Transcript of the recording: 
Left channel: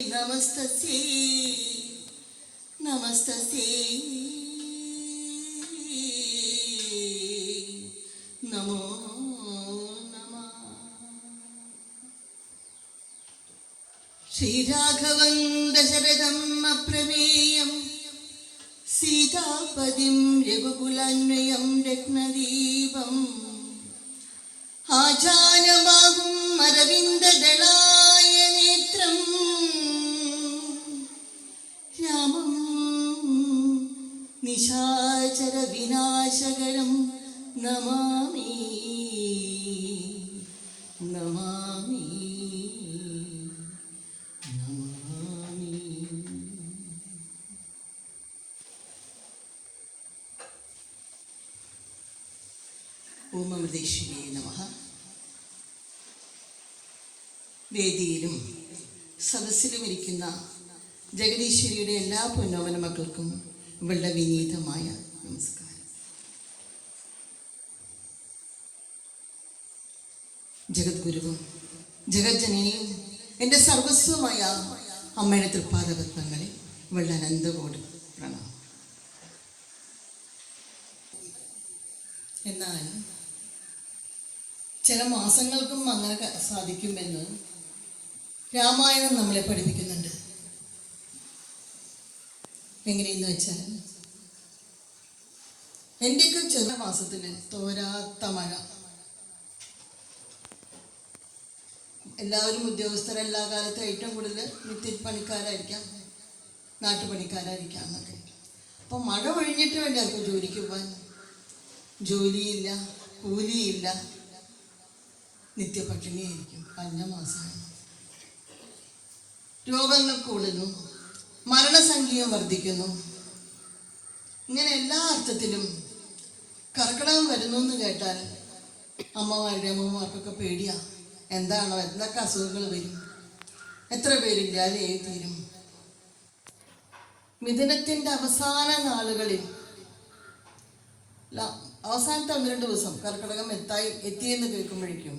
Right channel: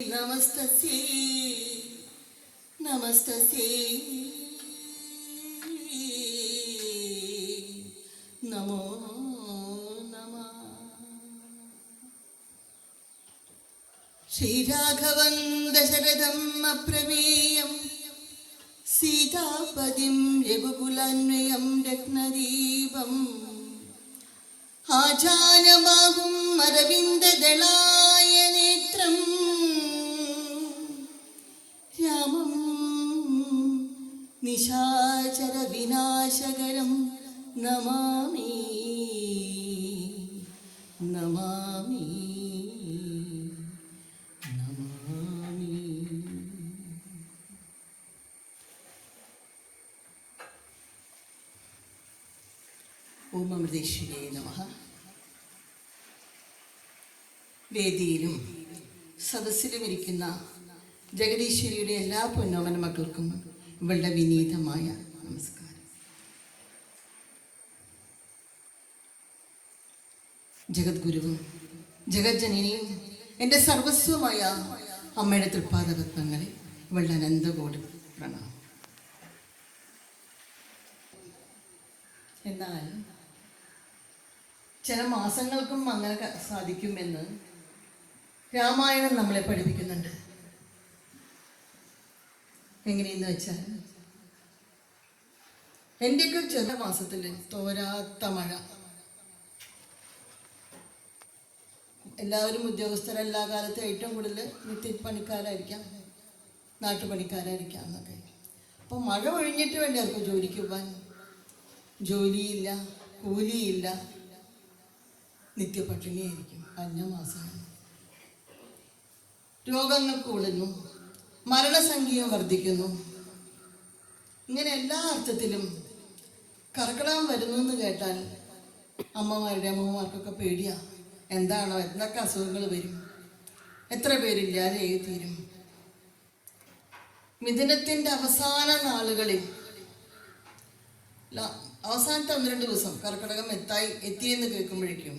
నమస్తసి నమస్తసి. నమో నమ. శ్రీరాఘవం దశరథమ్మ ప్రమేయం సీతాపదిం యగుకులాన్వయం రత్నదీపం ఆచార్య രാമം. നിശാചര വിനാശകരം നമാമി. നമാമി. നമാമി. ഓം അമൃതേശ്വരേ നമ. വേദിയിലും സദസ്സിലും ഇരിക്കുന്ന ജഗദീശ്വരിയുടെ എല്ലാ പൊന്നോമന മക്കൾക്കും ഇവളുടെ വിനീതമായ നമസ്കാരം. ജഗദ്ഗുരുവും ജഗജ്ജനനിയും എന്റെ സർവസ്വമായ അമ്മയുടെ തൃപ്പാദപത്മങ്ങളിൽ ഇവളുടെ അനന്തകോടി പ്രണാമം. എന്നാൽ ചില മാസങ്ങൾക്കും അങ്ങനെ സാധിക്കുമെന്ന് രാമായണം നമ്മളെ പഠിപ്പിക്കുന്നുണ്ട്. എങ്ങനെയെന്ന് വെച്ചാൽ എന്റെയൊക്കെ ചെറിയ മാസത്തിൽ തോരാത്ത മഴ. എല്ലാവരും ഉദ്യോഗസ്ഥരെല്ലാ കാലത്തും ഏറ്റവും കൂടുതൽ നിത്യപ്പണിക്കാരായിരിക്കാം നാട്ടുപണിക്കാരായിരിക്കാം എന്നൊക്കെ. അപ്പം മഴ ഒഴിഞ്ഞിട്ട് വേണ്ടേ അവർക്ക് ജോലിക്ക് പോകാൻ ജോലിയില്ല കൂലിയില്ല. നിത്യപട്ടിണിയായിരിക്കും. കഴിഞ്ഞ മാസമാണ്. രോഗങ്ങൾ കൂടുന്നു. മരണസംഖ്യയും വർദ്ധിക്കുന്നു. ഇങ്ങനെ എല്ലാ അർത്ഥത്തിലും കർക്കിടകം വരുന്നു എന്ന് കേട്ടാൽ അമ്മമാരുടെ അമ്മമാർക്കൊക്കെ പേടിയാ. എന്താണോ എന്തൊക്കെ അസുഖങ്ങൾ വരും. എത്ര പേരില്ലാതെ തീരും? മിഥുനത്തിന്റെ അവസാന നാളുകളിൽ അവസാനത്തെ ഒന്ന് രണ്ട് ദിവസം കർക്കിടകം എത്തായി എത്തിയെന്ന് കേൾക്കുമ്പോഴേക്കും